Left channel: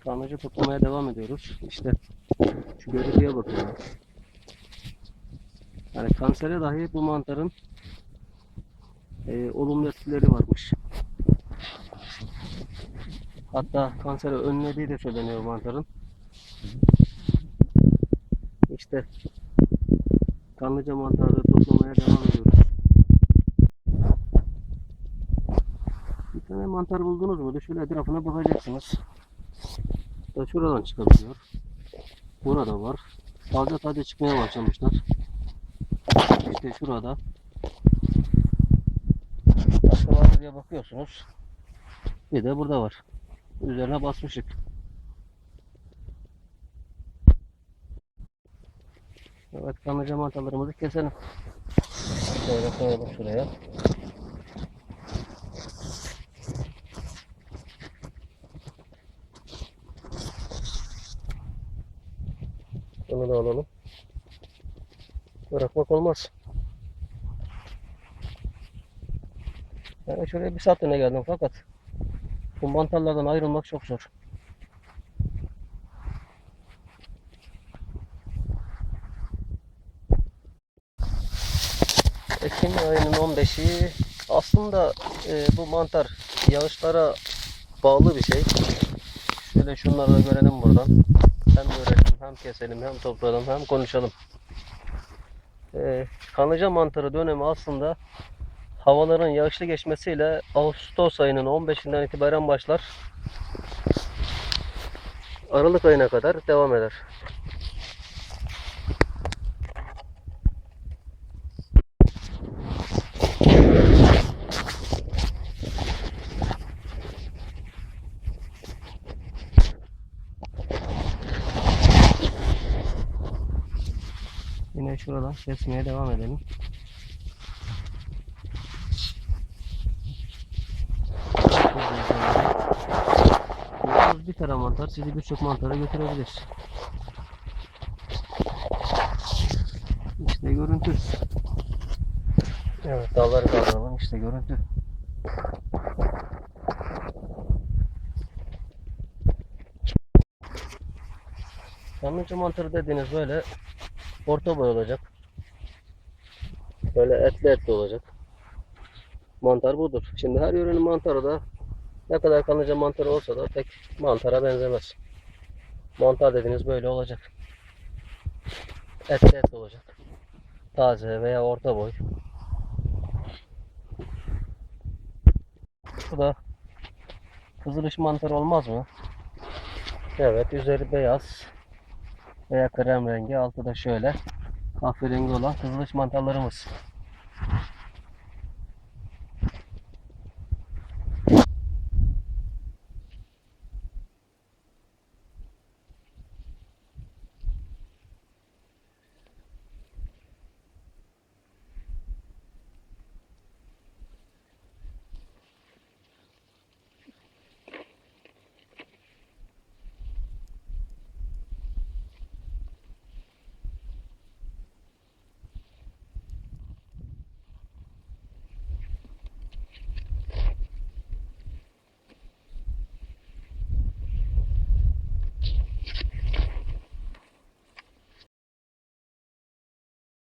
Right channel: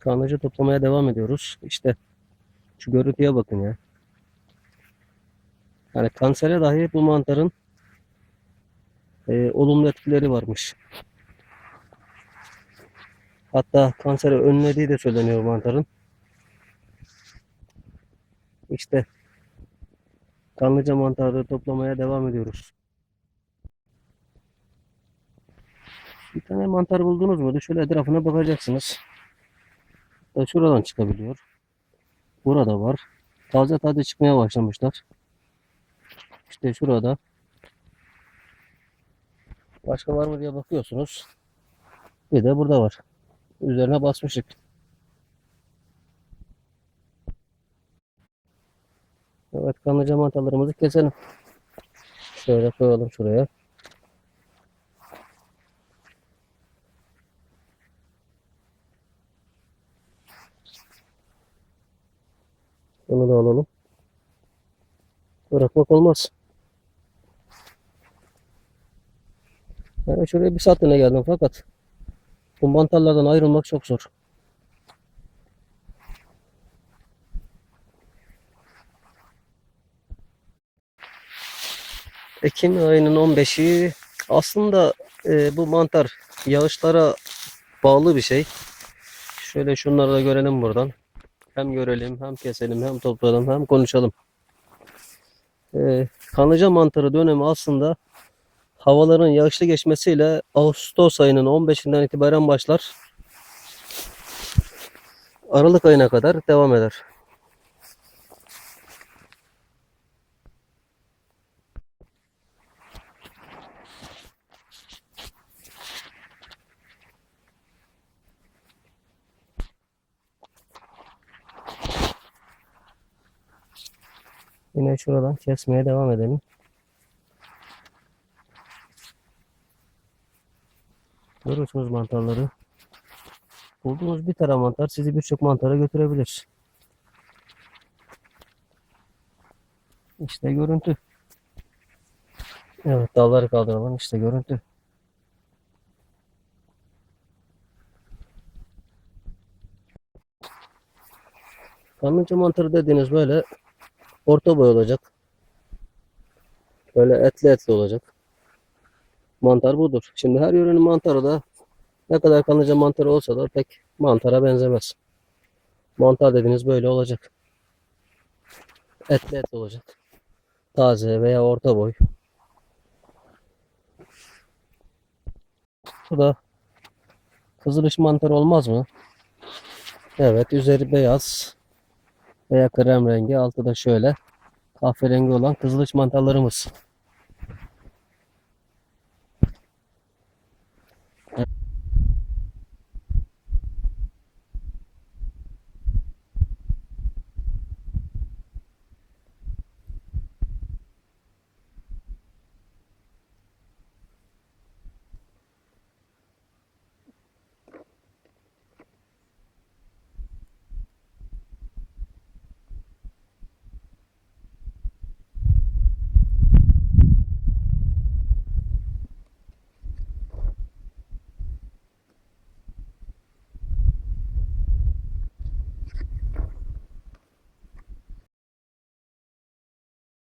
Kanlıca toplamaya devam ediyoruz. İşte şu görüntüye bakın ya. Yani kansere dahi bu mantarın e, olumlu etkileri varmış. Hatta kanseri önlediği de söyleniyor mantarın. İşte kanlıca mantarları toplamaya devam ediyoruz. Bir tane mantar buldunuz mu? Şöyle etrafına bakacaksınız. Da şuradan çıkabiliyor. Burada var. Taze taze çıkmaya başlamışlar. İşte şurada. Başka var mı diye bakıyorsunuz. Bir de burada var. Üzerine basmışık. Evet kanlıca mantarlarımızı keselim. Şöyle koyalım şuraya. Bunu da alalım. Bırakmak olmaz. Ben şuraya bir saatliğine geldim fakat bu mantarlardan ayrılmak çok zor. Ekim ayının 15'i aslında e, bu mantar yağışlara bağlı bir şey. Şöyle şunları da görelim buradan. Hem görelim, hem keselim, hem toplayalım, hem konuşalım. Ee, kanlıca mantarı dönemi aslında havaların yağışlı geçmesiyle Ağustos ayının 15'inden itibaren başlar. Aralık ayına kadar devam eder. Yine şuradan kesmeye devam edelim. Görüyorsunuz mantarları. Bulduğunuz bir tane mantar sizi birçok mantara götürebilir. İşte görüntü. Evet dalları kaldıralım işte görüntü. Kanlıca mantarı dediğiniz böyle orta boy olacak. Böyle etli etli olacak. Mantar budur. Şimdi her yörenin mantarı da ne kadar kanlıca mantarı olsa da pek mantara benzemez. Mantar dediğiniz böyle olacak. Etli etli olacak. Taze veya orta boy. Bu da kızılış mantarı olmaz mı? Evet, üzeri beyaz veya krem rengi, altı da şöyle kahverengi olan kızılış mantarlarımız.